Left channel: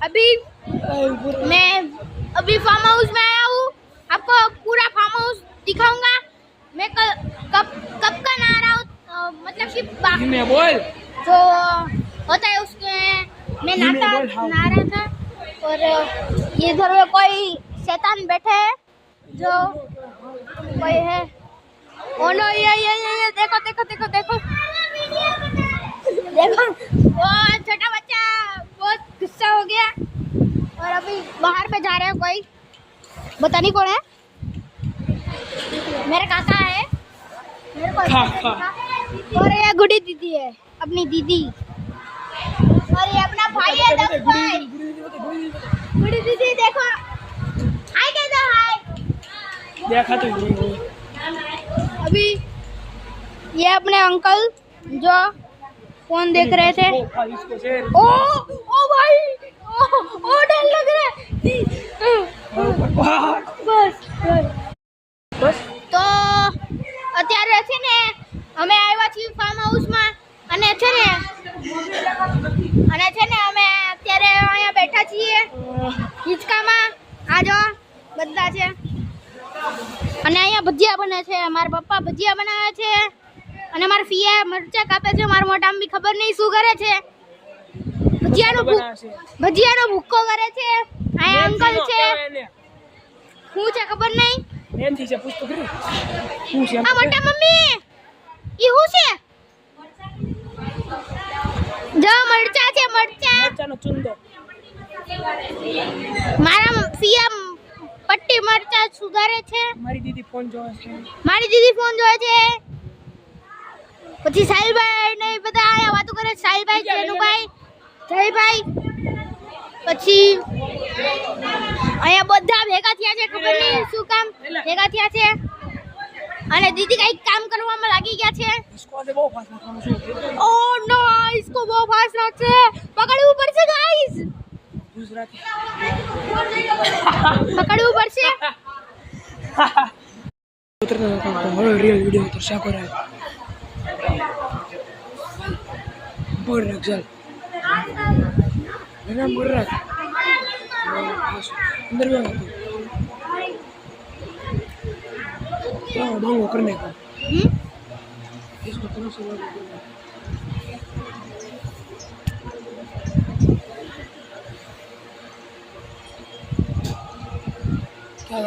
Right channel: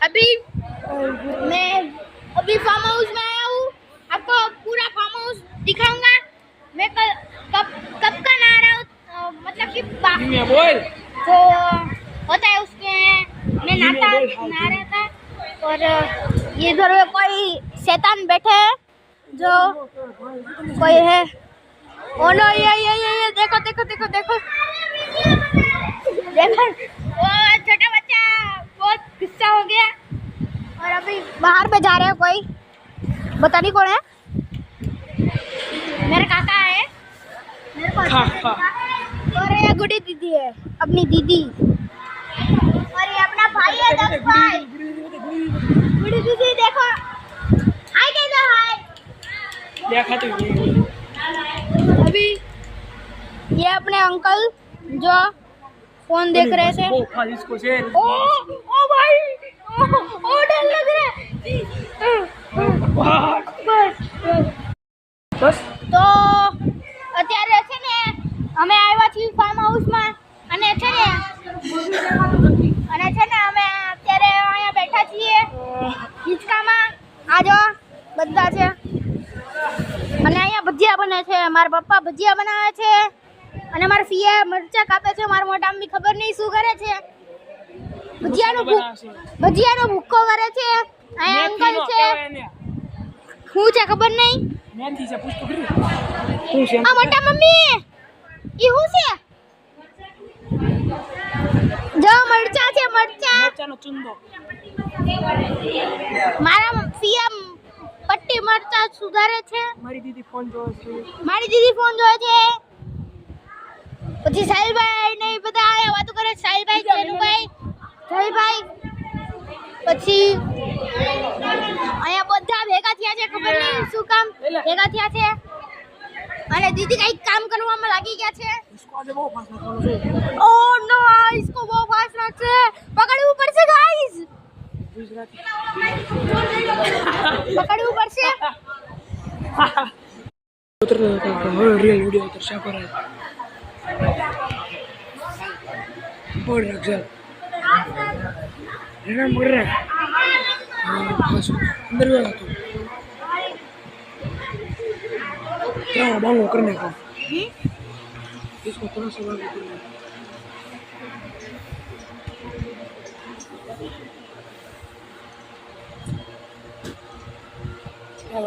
अभी मैं अभी फार्म हाउस में आया हूँ। आपको पूरा फार्म हाउस दिखाऊंगा। मैं कब का नहा रहा हूँ, मतलब कि बोल जो होता है उसके मैं नहा रहा था। और ये इधर में कोई शैतान बैठे हैं, जो कोई है। ओ नो, ये देखो देखो देखो देखो देखो, वो छोटा बच्चा बहुत गुस्सा हो गया। और अभी बाहर पे जा रहे हैं, कोई पता नहीं कौन है। मेरा काका है, मेरे को अच्छा से दिखा। और ये गुडी दीदी है, अपनी दीदी। और ये अपना भाई है, 10 भाई। गुडी दीदी देखो, हाय कह दो, हाय। देखा तो अभी ये अपने अंकल जो फोन देख रहे थे। ओ भाई, ओ डर लग रहा है। बस તો અત્યારે છે ને અમે આવ્યા છીએ ફાર્મ હાઉસમાં, અને છે ને અમે અત્યારે અહીંયા બેઠા છીએ હિંચકામાં. આ જો બધા છે, અને અહીંયા ભજીયા બને છે. મારા પપ્પા ભજીયા બનાવે છે, અને મારા ફિયા મરચા કાપે છે. મારા મોઢામાં બી ખબર નહીં શું કરે છે. ભજીયાનો ભૂક્કો કરે છે. અહીંયા અંકલ છે, શું છે ખબર નહીં. એનથી છે પૂછતો કરી શું છે આ મોટા મમ્મી? ઈ શું છે? જો મરચા છે, મરચાનો ચુંદો. મારા ફિયા પટ્ટી મરચા સુધારે છે. મારી દીદી ફોન જોવે છે. પછી સાહિલભાઈ ને બધા આયા વાતો કરે. સાહિલભાઈ, જેનુભાઈ, જયભાઈ. પછી અહીંયા બધા ભેગા થયા છે, ખબર નહીં શું કામ ભેગા થયા છે. અને દીદી કઈક કામ કરવામાં લાગી ગયા છે. इसको આજે બહુ ફાસ્ટ નાખવાનો છે. ઓ નો, इसको બહુ ફાસ્ટ નાખશે. પકડવું પડશે ગાઈસ, ગુજરાતી પકડવું પડશે. હવે રિયલ વિડિયો તો શા કરે બોલ રાખજે એના બોલ રાખ અંદર વે क्या बांगो करने का इसको तरह से बांगो करना क्या